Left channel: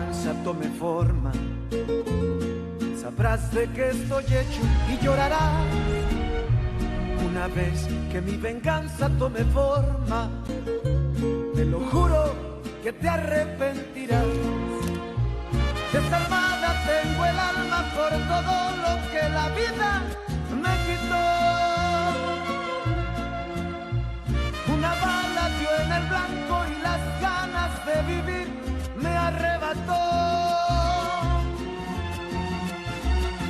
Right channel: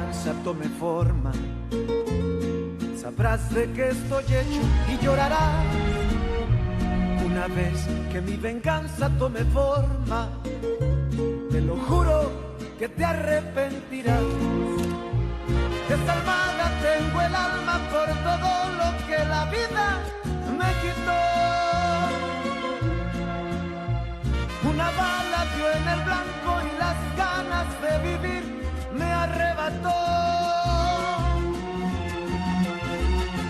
venganza tome forma, sabrás de qué estoy hecho y llorarás. Una vez que mi venganza tome forma, te lo juro que te arrepentirás. Desarmada tengo el alma por todo lo que la vida me quitó. Una bala dio en el blanco y las ganas de vivir me arrebató.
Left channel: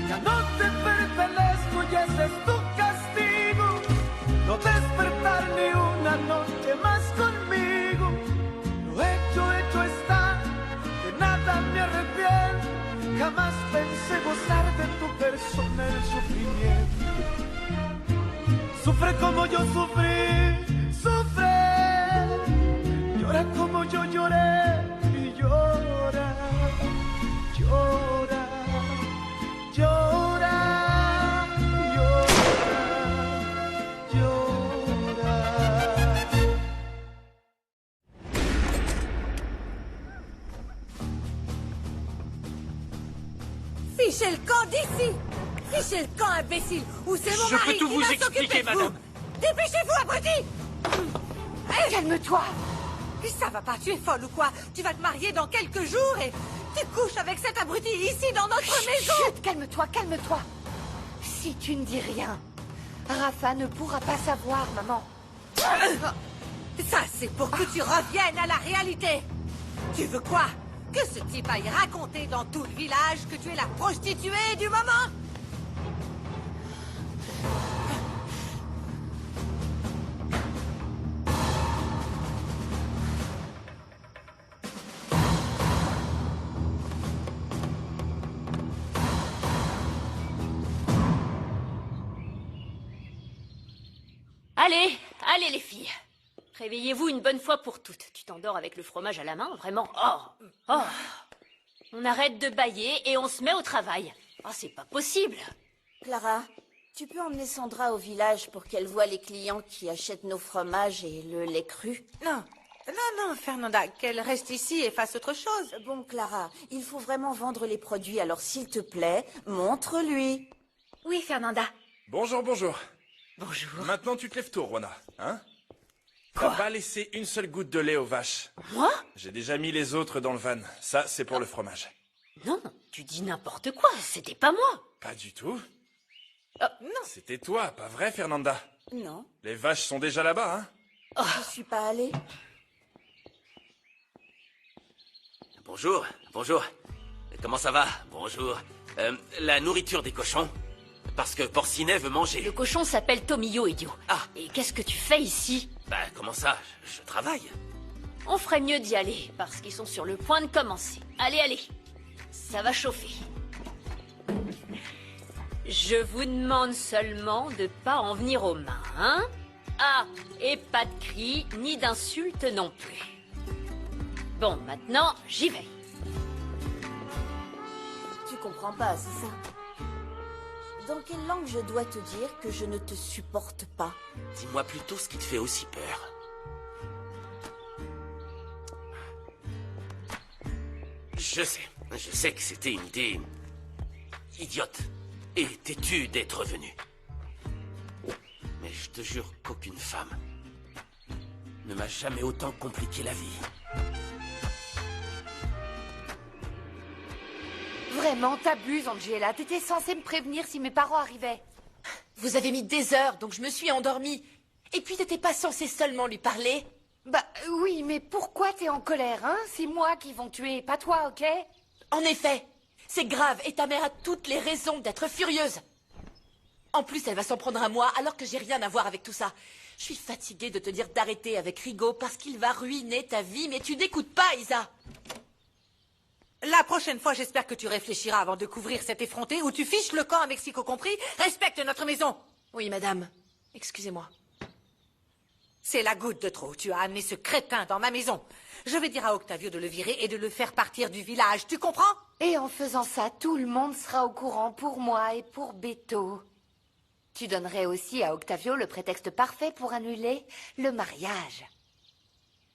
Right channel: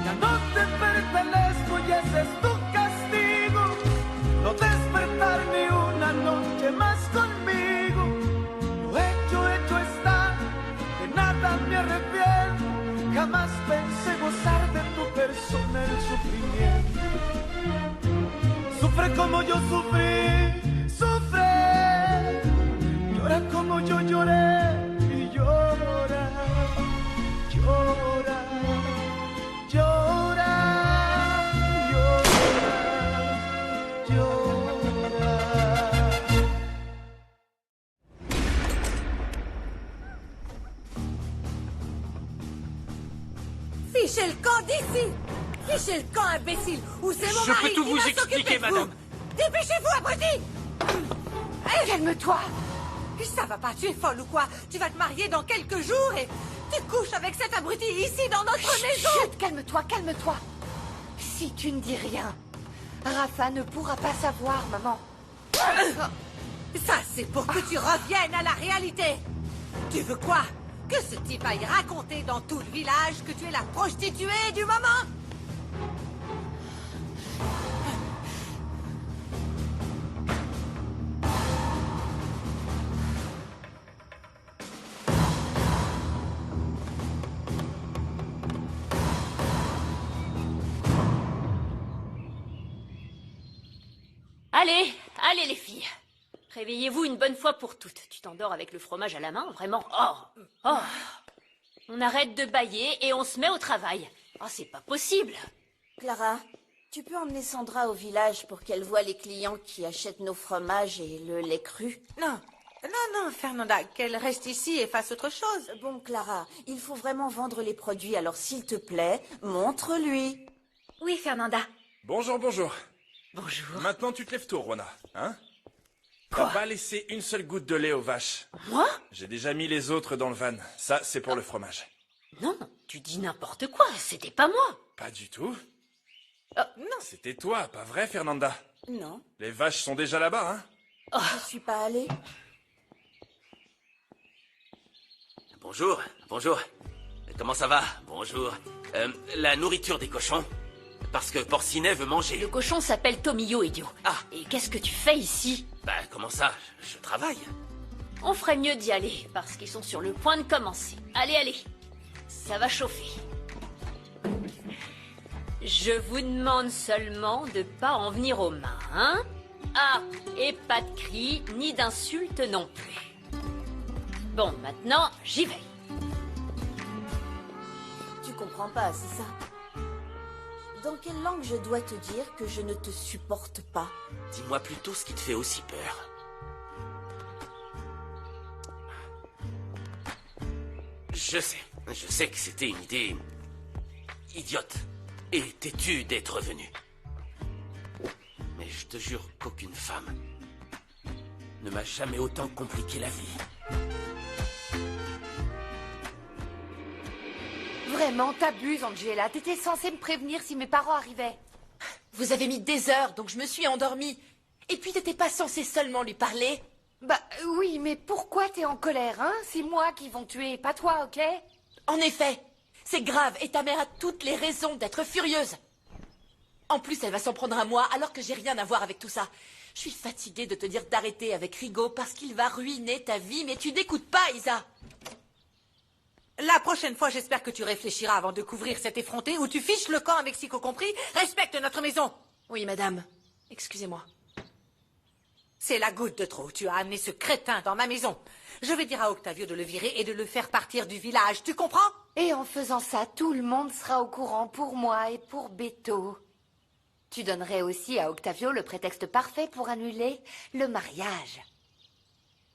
Ya no te pertenezco y ese es tu castigo, no despertar ni una noche más conmigo. Lo hecho está, de nada me arrepiento, jamás pensé gozar de tu persona el sufrimiento. Sufre como yo sufrí, sufre, llora como yo lloré y llora, llora, llora, llora, llora. Fichez le camp d'ici! Fichez le camp, imbécile! Ou c'est mon mari qui va s'occuper de vous! Dépêchez-vous, abruti! Calme-toi! Ça va pas, tu es folle ou quoi? Tu vas te marier dans quelques jours et tu couches avec cet abruti ici dans notre maison! Chut, calme-toi, calme-toi! Si tu ne dis rien, Rafa ne pourra pas savoir, maman. Ça, c'est pour que tu reviennes à la réalité! Tu veux quoi? Que ce type aille raconter dans tout le village que tu es la prostituée du moment? Allez, allez les filles. Réveillez-vous une bonne fois pour toutes. Tu t'endors avec le fromage à la main, vraiment? Oh. On arrête de bâiller et on se met au travail. Oh, c'est pas possible. Clara, tu peux emmener Sandra au village pour qu'elle voie les clients qui achètent nos fromages et le lait cru? Non, Fernanda, qu'elle reste ici et fasse autre chose. Bon, Clara, il faut vraiment vendre les produits, alors s'il te plaît, montre-lui. Oui, Fernanda. Bonjour. Bonjour. Maintenant, tu te lèves tôt, Rona, hein? On va pas laisser une seule goutte de lait aux vaches. Moi? J'ai déjà mis les autres dans le van. Ça, c'est pour le fromage. Non, tu dis n'importe quoi. C'était pas moi. Pas du tout. Non. C'était toi, pas vrai, Fernanda? Non, Les vaches sont déjà là-bas, hein? je suis pas allée. Bonjour. Comment ça va? Bonjour. La nourriture des cochons? Parce que Porcinet veut Le manger. cochon s'appelle Tomillo, idiot. Ah. Et qu'est-ce que tu fais ici? Bah, comment ça? Je travaille. On ferait mieux d'y aller, parce qu'ils sont sur le point de commencer. Allez. Ça va chauffer. Je vous demande seulement de pas en venir aux mains, hein? Ah, et pas de cris, ni d'insultes non plus. Bon, maintenant, j'y vais. Tu comprends pas, c'est ça? Dans quelle langue je dois te dire que je ne te supporte pas? Dis-moi plutôt ce qui te fait aussi peur. Je sais que c'était une idée idiote et têtue d'être venu. Mais je te jure qu'aucune femme ne m'a jamais autant compliqué la vie. Vraiment, t'abuses, Angela. T'étais censée me prévenir si mes parents arrivaient. Vous avez mis des heures, donc je me suis endormie. Et puis t'étais pas censé seulement lui parler? Bah oui, mais pourquoi t'es en colère, hein? C'est moi qui vont te tuer, pas toi, ok? En effet, c'est grave et ta mère a toutes les raisons d'être furieuse. En plus, elle va s'en prendre à moi alors que j'ai rien à voir avec tout ça. Je suis fatiguée de te dire d'arrêter avec Rigaud parce qu'il va ruiner ta vie, mais tu n'écoutes pas, Isa. La prochaine fois, j'espère que tu réfléchiras avant de couvrir cette effrontée où tu fiches le camp avec Mexico compris. Respecte notre maison. Oui, madame. Excusez-moi. C'est la goutte de trop. Tu as amené ce crétin dans ma maison. Je vais dire à Octavio de le virer et de le faire partir du village. Tu comprends? Et en faisant ça, tout le monde sera au courant pour moi et pour Beto. Tu donnerais aussi à Octavio le prétexte parfait pour annuler le mariage.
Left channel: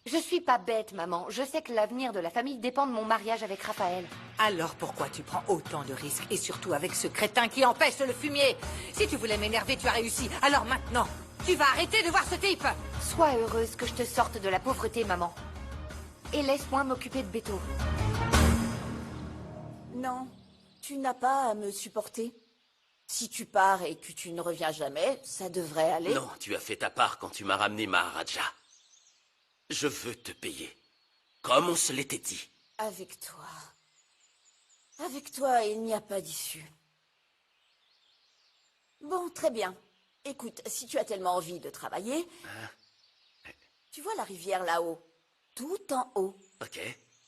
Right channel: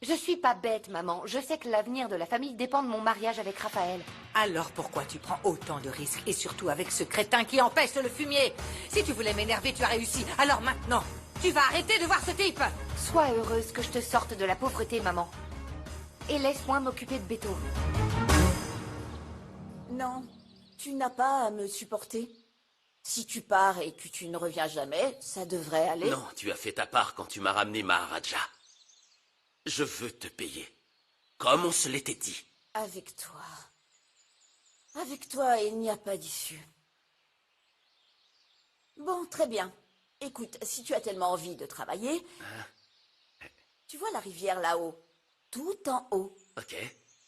Je suis pas bête, maman. Je sais que l'avenir de la famille dépend de mon mariage avec Raphaël. Alors pourquoi tu prends autant de risques, et surtout avec ce crétin qui empêche le fumier? Si tu voulais m'énerver, tu as réussi. Alors maintenant, tu vas arrêter de voir ce type. Sois heureuse que je te sorte de la pauvreté, maman. Et laisse-moi m'occuper de Beto. Non, tu n'as pas à me supporter. Si tu pars et que tu ne reviens jamais, ça devrait aller. Non, tu as fait ta part quand tu m'as ramené Maharaja. Je veux te payer. Comme on se l'était dit. Avec toi. Avec toi, il n'y a pas d'issue. Bon, très bien. Écoute, si tu as tellement envie de travailler, tu vois la rivière là-haut, tout en haut. Ok.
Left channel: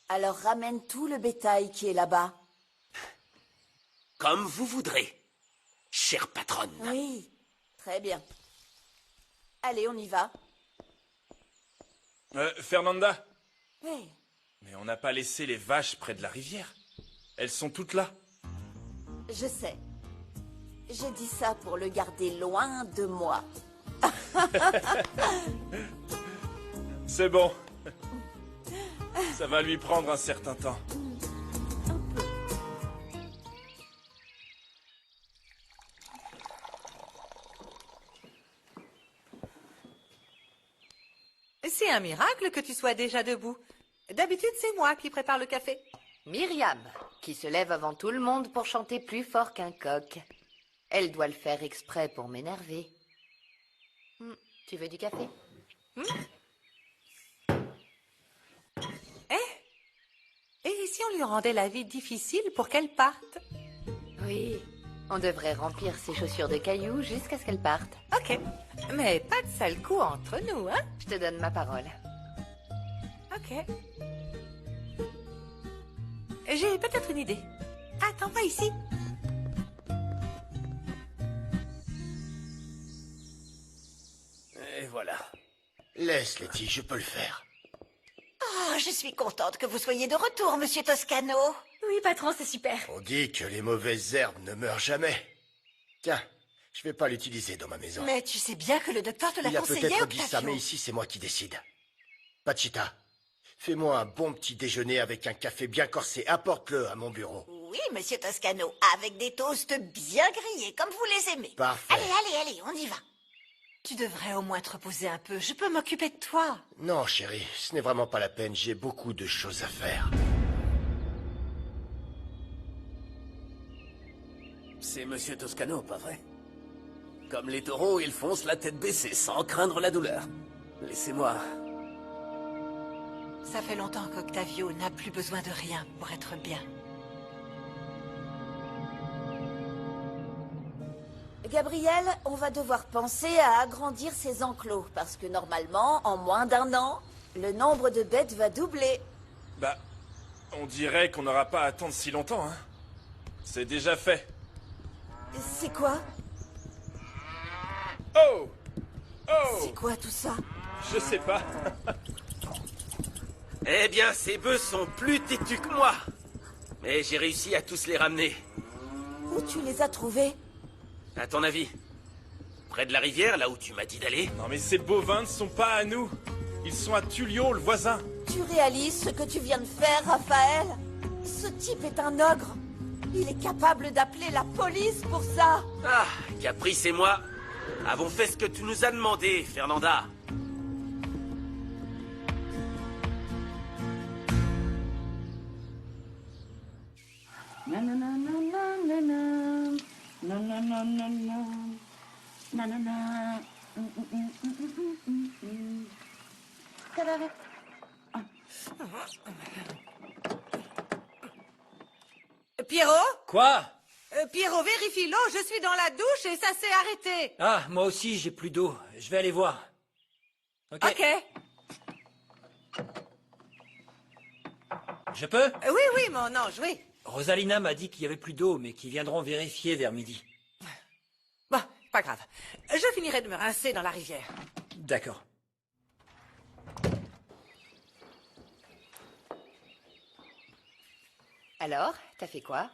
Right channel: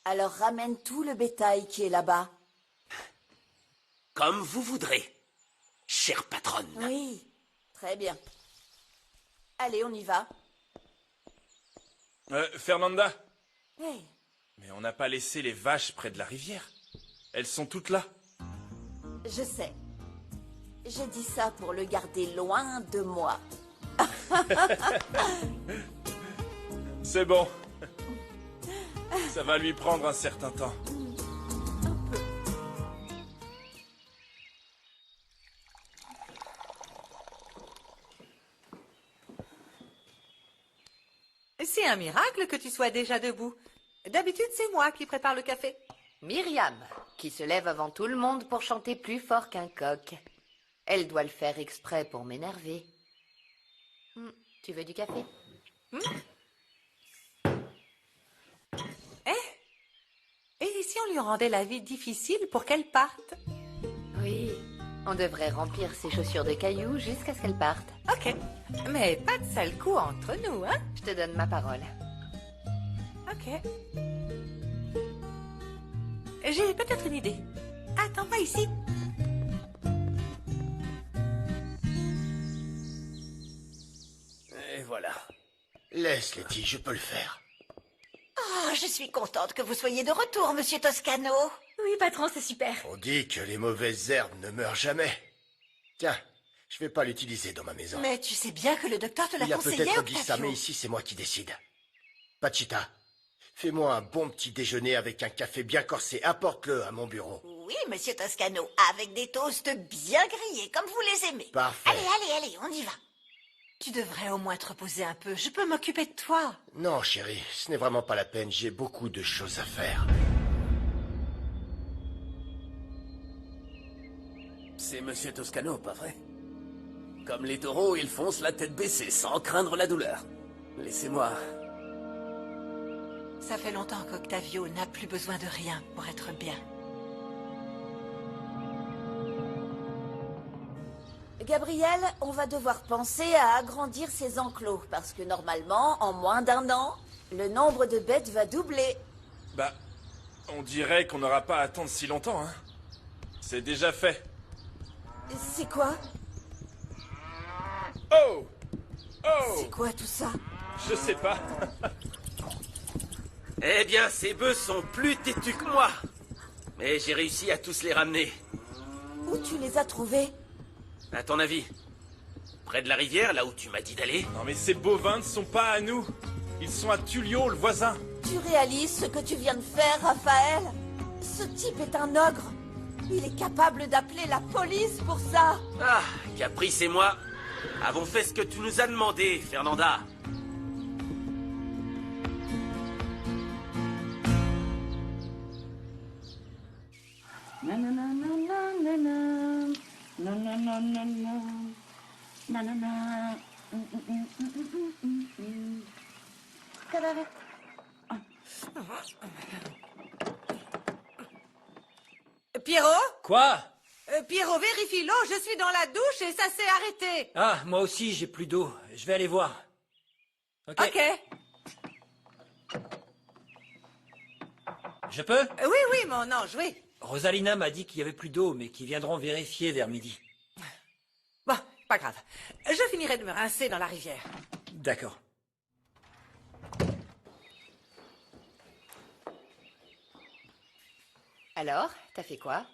Alors ramène tout le bétail qui est là-bas. Comme vous voudrez, chère patronne. Oui, très bien. Allez, on y va. Fernanda, Oui, mais on n'a pas laissé les vaches près de la rivière. Elles sont toutes là. je sais. J'ai dit ça pour le garder loin de moi. C'est bon. Ça va lui prendre un certain temps. C'est un miracle que tu sois déjà debout. D'habitude, c'est moi qui prépare le café. Myriam, qui se lève avant tout le monde pour chanter plus fort qu'un coq. Elle doit le faire exprès pour m'énerver. Tu veux du café? Et si on lui rendait la vie difficile pour qu'elle parte? Oui, on devrait remplir ses chaussures de cailloux jusqu'à ce qu'elle parte. Ok, mais pas de sale coup entre nous, hein? Je te donne ma parole. Ok. J'ai peut-être une idée. Attends, pas ici. Et voilà. Laisse, Letty, je peux le faire. Oh, je suis contente que vous soyez de retour, monsieur Toscano. Oui, patron, c'est super. On dit que les mauvaises herbes ne meurent jamais. Tiens, je vais pas l'utiliser dans ma maison. Mais tu sais bien que le docteur te Il l'a a conseillé peut-être au dit ça, mais café. ici c'est moi qui décide. Pachita, fais-moi un bon petit déjeuner avec un café bien corsé. Apporte-le à mon bureau. Oui, monsieur Toscano, avec des toasts bien grillés, comme vous les aimez. Parfait. Allez, on y va. Tu devrais au moins te reposer un peu, je peux m'occuper de toi. Non, chérie, ce n'est vraiment pas la peine. J'ai beaucoup de choses à faire. C'est monsieur Toscano, pas vrai? Comme les taureaux, ils foncent la tête baissée, sans craindre la douleur. Laissez-moi. Ça fait longtemps qu'Octavio n'a plus besoin de rien pour être bien. Gabriel, on va devoir penser à agrandir ces enclos, parce que normalement, en moins d'un an, le nombre de bêtes va doubler. Bah, on dirait qu'on n'aura pas à attendre si longtemps, hein. C'est déjà fait. C'est quoi? Oh! Oh! C'est quoi tout ça? Je sais pas. Eh bien, ces bœufs sont plus têtus que moi. Mais j'ai réussi à tous les ramener. Où tu les as trouvés? À ton avis? Près de la rivière, là où tu m'as dit d'aller? Non mais ces bovins ne sont pas à nous. Ils sont à Tullion, le voisin. Tu réalises ce que tu viens de faire, Raphaël? Ce type est un ogre. Il est capable d'appeler la police pour ça. Ah, Caprice et moi avons fait ce que tu nous as demandé, Fernanda. Pierrot? Quoi? Pierrot, vérifie l'eau, je suis dans la douche et ça s'est arrêté. Ah, moi aussi j'ai plus d'eau. Je vais aller voir. Ok. Je peux? Oui, mon ange, oui. Rosalina m'a dit qu'il y avait plus d'eau, mais qu'ils viendront vérifier vers midi. Bon, pas grave. Je finirai de me rincer dans la rivière. D'accord. Alors, t'as fait quoi?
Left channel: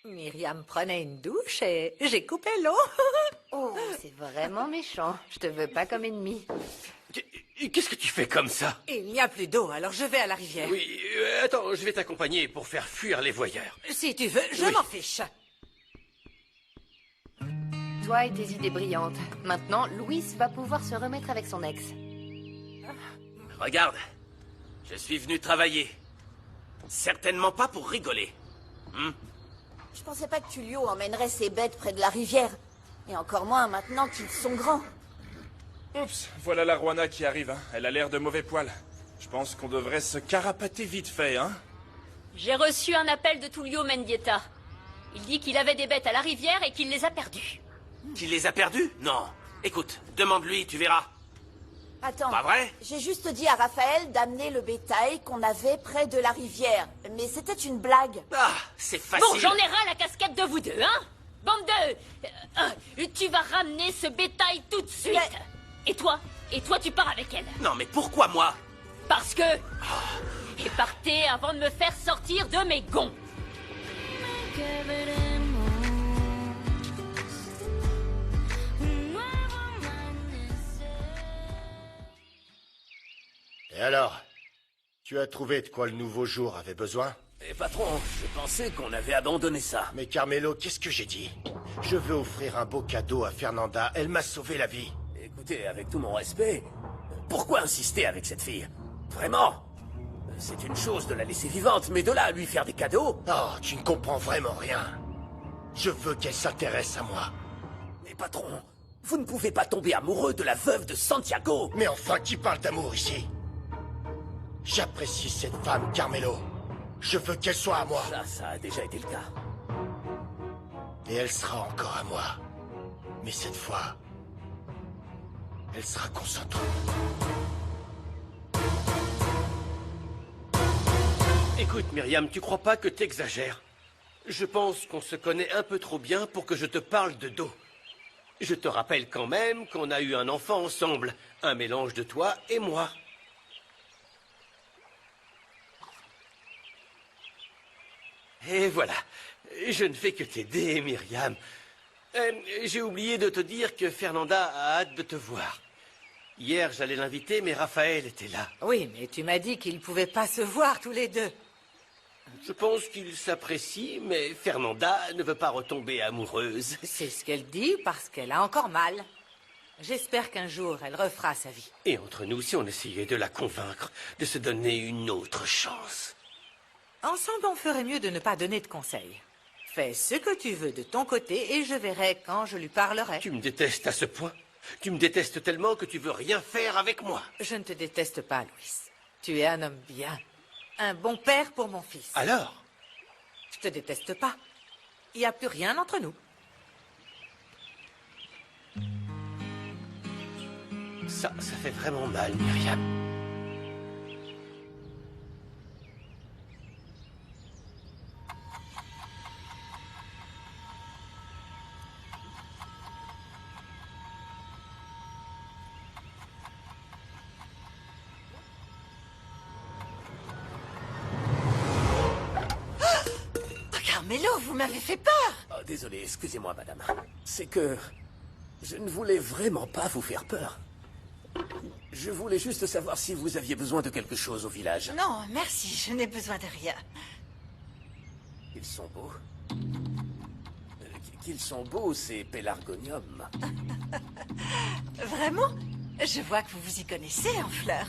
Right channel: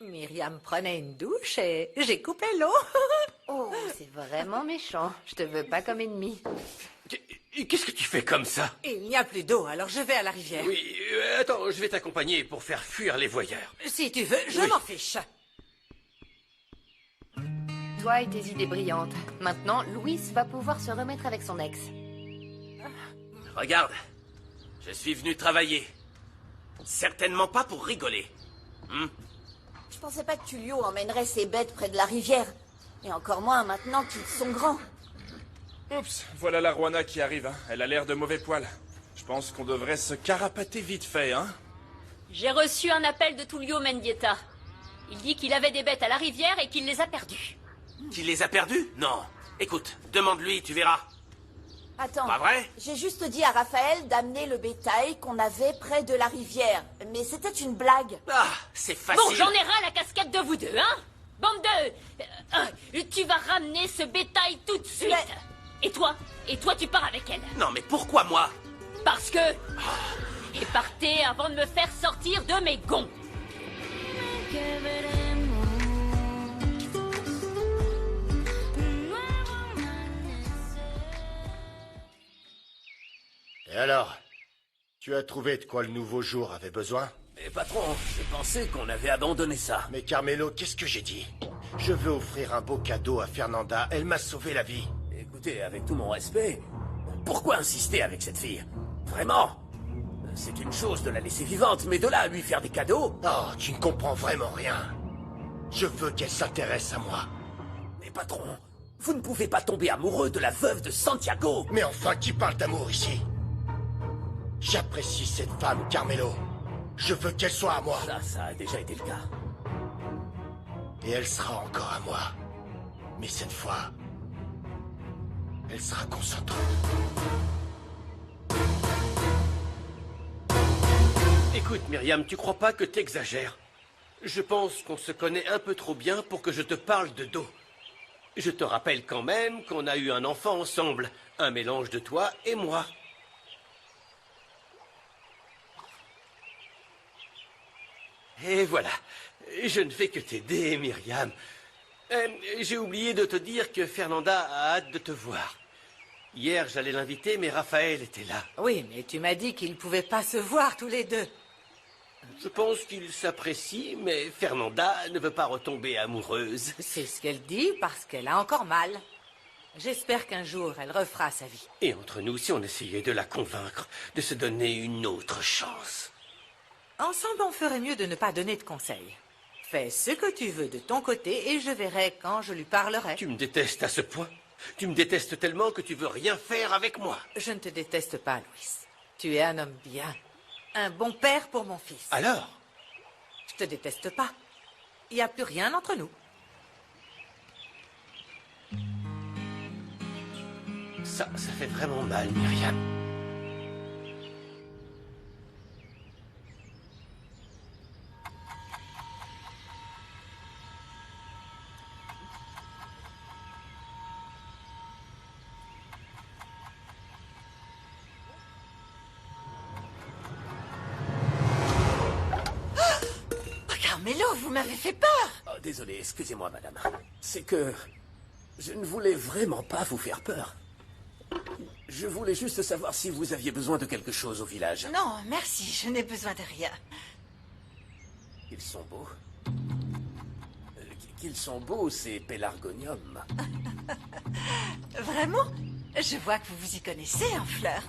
Myriam prenait une douche et j'ai coupé l'eau. Oh, c'est vraiment méchant. Je te veux pas comme ennemi. Qu'est-ce que tu fais comme ça? Il n'y a plus d'eau, alors je vais à la rivière. Oui, attends, je vais t'accompagner pour faire fuir les voyeurs. Si tu veux, je m'en fiche. Toi et tes idées brillantes. Maintenant, Louise va pouvoir se remettre avec son ex. Regarde, je suis venu travailler. Certainement pas pour rigoler. Je pensais pas que Tullio emmènerait ses bêtes près de la rivière. Et encore moins maintenant qu'ils sont grands. Oups, voilà la Rwanda qui arrive, hein. Elle a l'air de mauvais poil. Je pense qu'on devrait se carapater vite fait, hein. J'ai reçu un appel de Tullio Mendieta. Il dit qu'il avait des bêtes à la rivière et qu'il les a perdues. Tu les as perdus? Non. Écoute, demande-lui, tu verras. Attends, Ah ouais? j'ai juste dit à Raphaël d'amener le bétail qu'on avait près de la rivière. Mais c'était une blague. Ah, c'est facile. Bon, j'en ai ras la casquette de vous deux, hein? Bande de... tu vas ramener ce bétail tout de suite. Et toi, tu pars avec elle. Non, mais pourquoi moi? Parce que... Et partez avant de me faire sortir de mes gonds. Et alors, tu as trouvé de quoi le nouveau jour avait besoin? Mais patron, je pensais qu'on avait abandonné ça. Mais Carmelo, qu'est-ce que j'ai dit? Je veux offrir un beau cadeau à Fernanda, elle m'a sauvé la vie. Écoutez, avec tout mon respect, pourquoi insister avec cette fille? Vraiment? C'est une chose de la laisser vivante, mais de là à lui faire des cadeaux? Oh, tu ne comprends vraiment rien. Je veux qu'elle s'intéresse à moi. Mais patron, vous ne pouvez pas tomber amoureux de la veuve de Santiago. Mais enfin, qui parle d'amour ici? J'apprécie cette femme, Carmelo. Je veux qu'elle soit à moi. Ça a déjà été le cas. Et elle sera encore à moi. Mais cette fois, elle sera concentrée. Écoute, Myriam, tu crois pas que t'exagères? Je pense qu'on se connaît un peu trop bien pour que je te parle de dos. Je te rappelle quand même qu'on a eu un enfant ensemble. Un mélange de toi et moi. Et voilà. Je ne fais que t'aider, Myriam. J'ai oublié de te dire que Fernanda a hâte de te voir. Hier, j'allais l'inviter, mais Raphaël était là. Oui, mais tu m'as dit qu'ils ne pouvaient pas se voir tous les deux. Je pense qu'ils s'apprécient, mais Fernanda ne veut pas retomber amoureuse. C'est ce qu'elle dit parce qu'elle a encore mal. J'espère qu'un jour, elle refera sa vie. Et entre nous, si on essayait de la convaincre de se donner une autre chance. Ensemble, on ferait mieux de ne pas donner de conseils. Fais ce que tu veux de ton côté et je verrai quand je lui parlerai. Tu me détestes à ce point? Tu me détestes tellement que tu veux rien faire avec moi? Je ne te déteste pas, Louis. Tu es un homme bien. Un bon père pour mon fils. Alors? Je te déteste pas. Il n'y a plus rien entre nous. Ça fait vraiment mal, Myriam. Carmelo, vous m'avez fait peur. Oh, désolé, excusez-moi, madame. C'est que je ne voulais vraiment pas vous faire peur. Je voulais juste savoir si vous aviez besoin de quelque chose au village. Non, merci, je n'ai besoin de rien. Ils sont beaux. Qu'ils sont beaux, ces pélargoniums. Vraiment? Je vois que vous vous y connaissez en fleurs.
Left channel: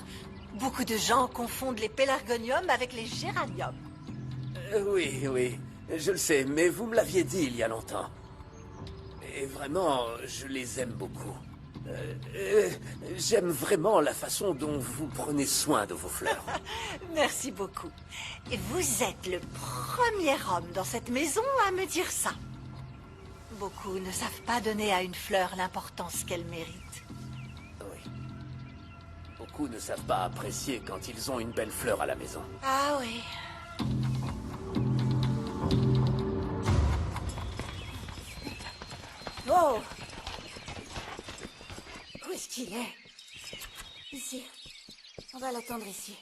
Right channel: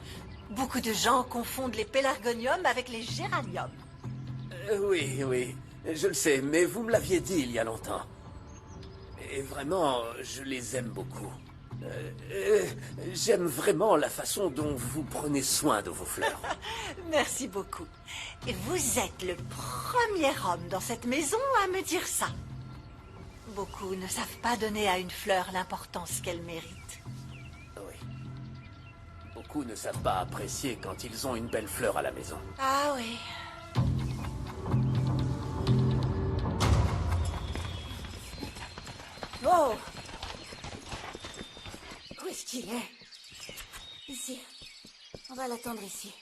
Beaucoup de gens confondent les pélargoniums avec les géraniums. Oui, je le sais, mais vous me l'aviez dit il y a longtemps. Et vraiment, je les aime beaucoup. J'aime vraiment la façon dont vous prenez soin de vos fleurs. Merci beaucoup. Et vous êtes le premier homme dans cette maison à me dire ça. Beaucoup ne savent pas donner à une fleur l'importance qu'elle mérite. Oui. Beaucoup ne savent pas apprécier quand ils ont une belle fleur à la maison. Ah oui. Oh! Où est-ce qu'il est? Ici. On va l'attendre ici.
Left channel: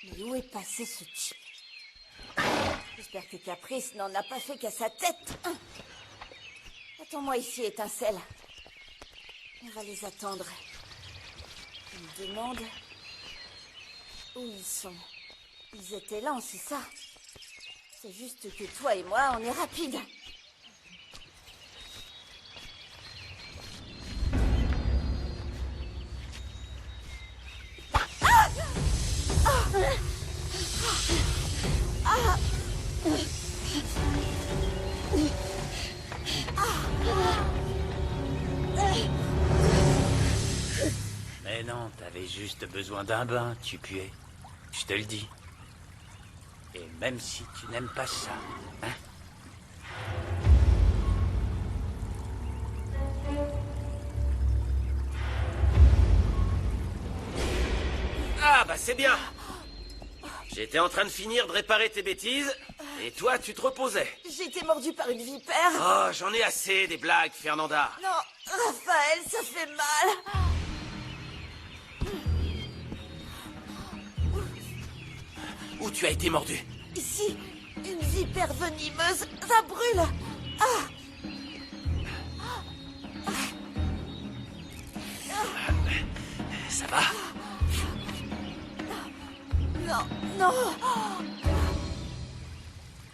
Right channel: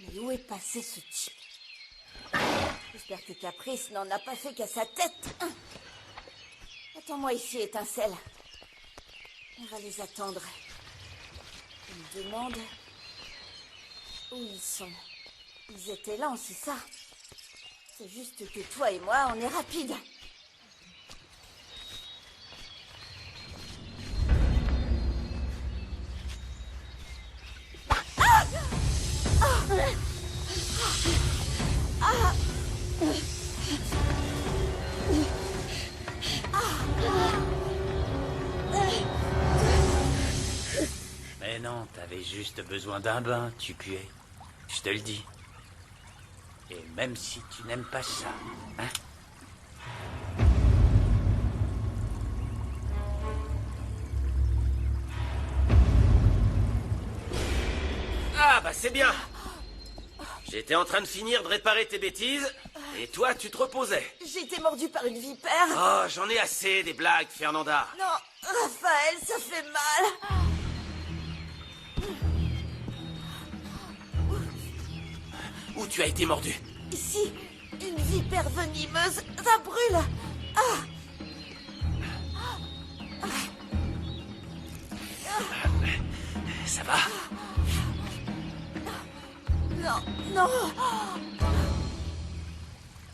Mais où est passé ce type? J'espère J'espère que Caprice n'en a pas fait qu'à sa tête. Attends-moi ici, étincelle. On va les attendre. Je me demande où ils sont. Ils étaient lents, c'est ça? C'est juste que toi et moi, on est rapides. Mais non, t'avais juste besoin d'un bain, tu puais. Je te le dis. Et même si tu n'aimes pas ça, hein? Ah, bah c'est bien. J'étais en train de finir de réparer tes bêtises, et toi, tu te reposais. J'ai été mordue par une vipère. Oh, j'en ai assez des blagues, Fernanda. Non, Raphaël, ça fait mal. Où tu as été mordu? Ici, une vipère venimeuse, ça brûle. Ah. Ça va? Non, non.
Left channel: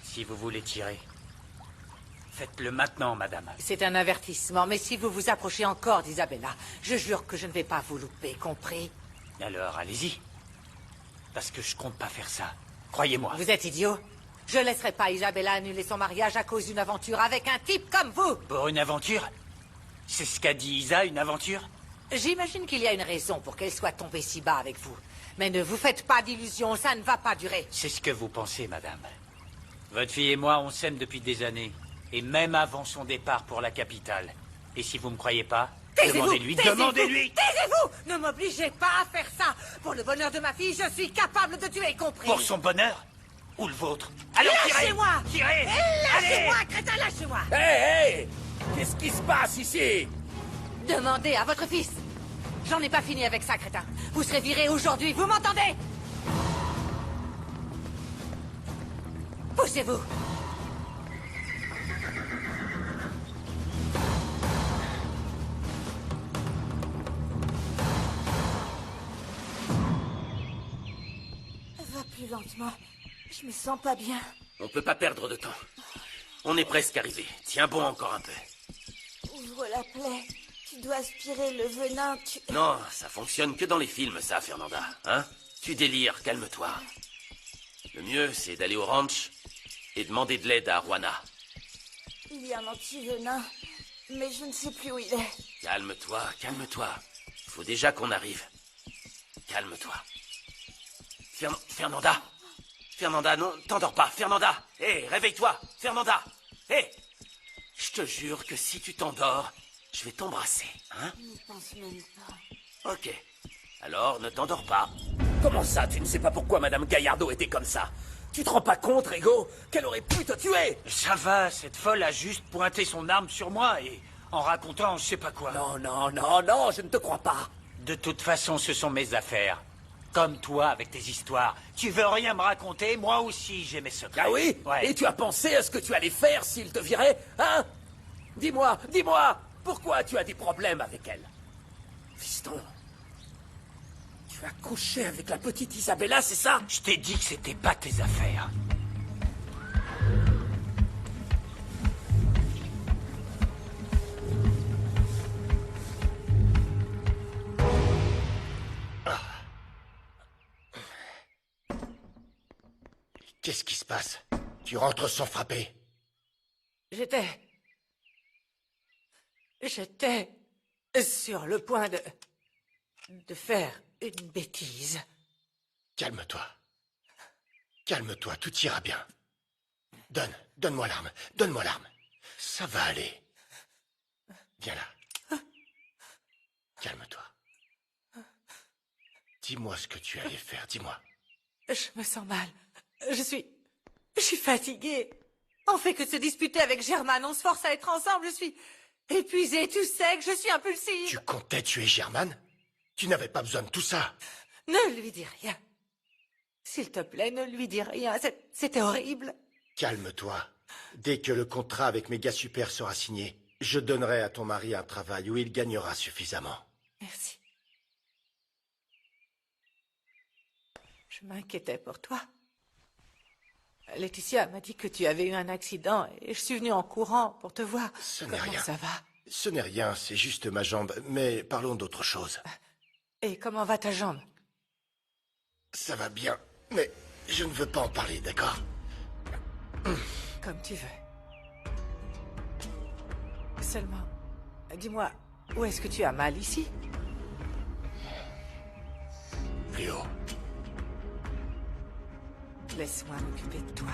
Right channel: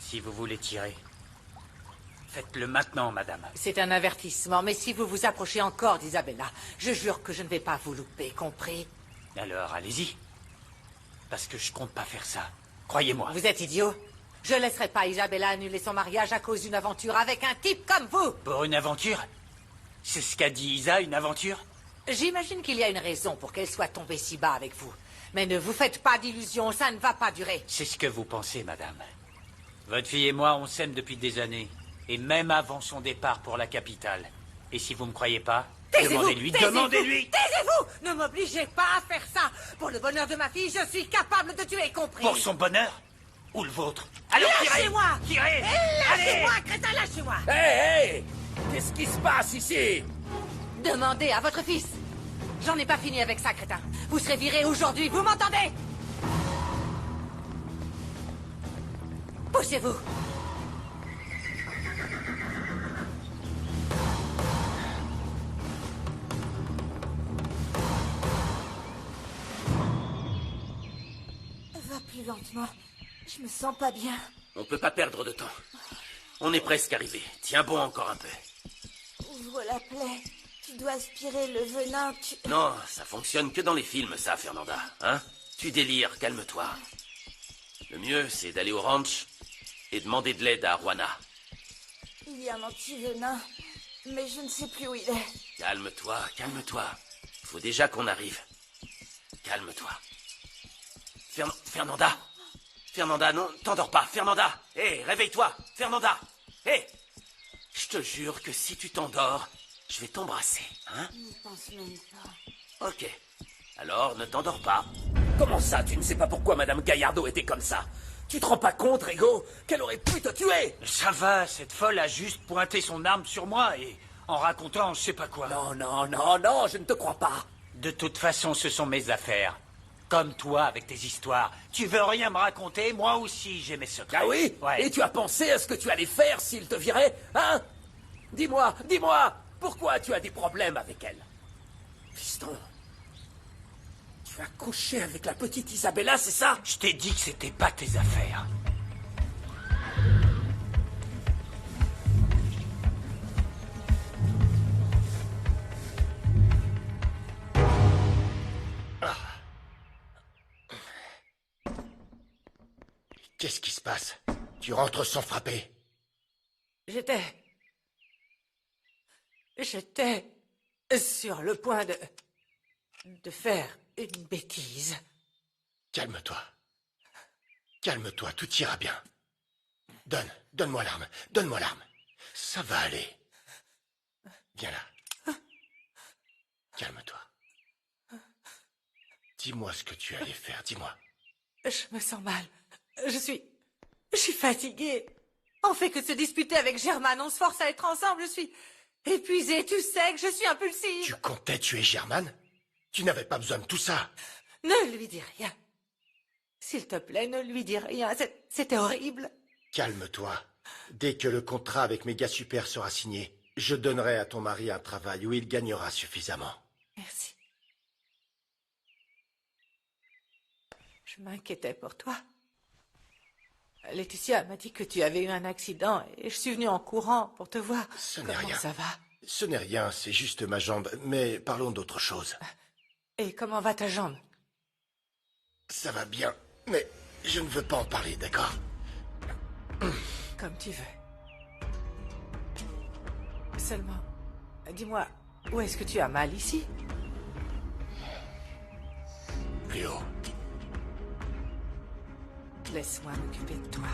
Si vous voulez tirer, faites-le maintenant, madame. C'est un avertissement, mais si vous vous approchez encore d'Isabella, je jure que je ne vais pas vous louper, compris? Alors, allez-y. Parce que je compte pas faire ça. Croyez-moi. Vous êtes idiot? Je ne laisserai pas Isabella annuler son mariage à cause d'une aventure avec un type comme vous. Pour une aventure? C'est ce qu'a dit Isa, une aventure? J'imagine qu'il y a une raison pour qu'elle soit tombée si bas avec vous. Mais ne vous faites pas d'illusions, ça ne va pas durer. C'est ce que vous pensez, madame. Votre fille et moi, on s'aime depuis des années. Et même avant son départ pour la capitale. Et si vous ne me croyez pas, demandez-lui. Demandez-lui! Taisez-vous! Ne m'obligez pas à faire ça. Pour le bonheur de ma fille, je suis capable de tuer, compris? Pour son bonheur? Ou le vôtre? Allez, Lâchez-moi! tirez! Lâchez-moi, crétin, lâchez-moi! Hé, qu'est-ce qui se passe ici? Demandez à votre fils. J'en ai pas fini avec ça, crétin. Vous serez viré aujourd'hui, vous m'entendez? Poussez-vous. Va plus lentement. Je me sens pas bien. On peut pas perdre de temps. On est presque arrivé. Tiens bon encore un peu. Ouvre la plaie. Tu dois aspirer le venin. Non, ça fonctionne que dans les films, ça, Fernanda. Hein? Tu délires, calme-toi. Le mieux, c'est d'aller au ranch et demander de l'aide à Arwana. Il y a un anti-venin, mais je ne sais plus où il est. Calme-toi, calme-toi. Faut déjà qu'on arrive. Calme-toi. Fernanda. Fernanda, non, t'endors pas. Fernanda. Hé, réveille-toi. Fernanda. Hé. Je te jure que si tu t'endors, je vais t'embrasser, hein? Je ne pense même pas. Ok. Alors, ne t'endors pas. Comment ça, tu ne sais pas pourquoi Madame Gaillardo était comme ça? Tu te rends pas compte, Rigo, qu'elle aurait pu te tuer? Ça va, cette folle a juste pointé son arme sur moi et en racontant je sais pas quoi. Non, je ne te crois pas. De toute façon, ce sont mes affaires. Comme toi, avec tes histoires. Tu veux rien me raconter? Moi aussi, j'ai mes secrets. Ah oui? Ouais. Et tu as pensé à ce que tu allais faire s'il te virait, hein? Dis-moi, pourquoi tu as des problèmes avec elle? Fiston, tu as couché avec la petite Isabella, c'est ça? Je t'ai dit que c'était pas tes affaires. Qu'est-ce qui se passe? Tu rentres sans frapper. J'étais sur le point de faire une bêtise. Calme-toi. Calme-toi, tout ira bien. Donne-moi l'arme. Ça va aller. Viens là. Calme-toi. Dis-moi ce que tu allais faire, dis-moi. Je me sens mal. Je suis fatiguée. On fait que se disputer avec Germaine, on se force à être ensemble, je suis épuisée, tu sais que je suis impulsive. Tu comptais tuer Germaine? Tu n'avais pas besoin de tout ça. Ne lui dis rien. S'il te plaît, ne lui dis rien, c'était horrible. Calme-toi. Dès que le contrat avec Méga Super sera signé, je donnerai à ton mari un travail où il gagnera suffisamment. Merci. Je m'inquiétais pour toi. Laetitia m'a dit que tu avais eu un accident et je suis venue en courant pour te voir. Ce n'est Comment rien. ça va? Ce n'est rien, c'est juste ma jambe. Mais parlons d'autre chose. Et comment va ta jambe? Ça va bien, mais je ne veux pas en parler, d'accord? Comme tu veux. Seulement, dis-moi, où est-ce que tu as mal ici? Plus haut. Laisse-moi m'occuper de toi.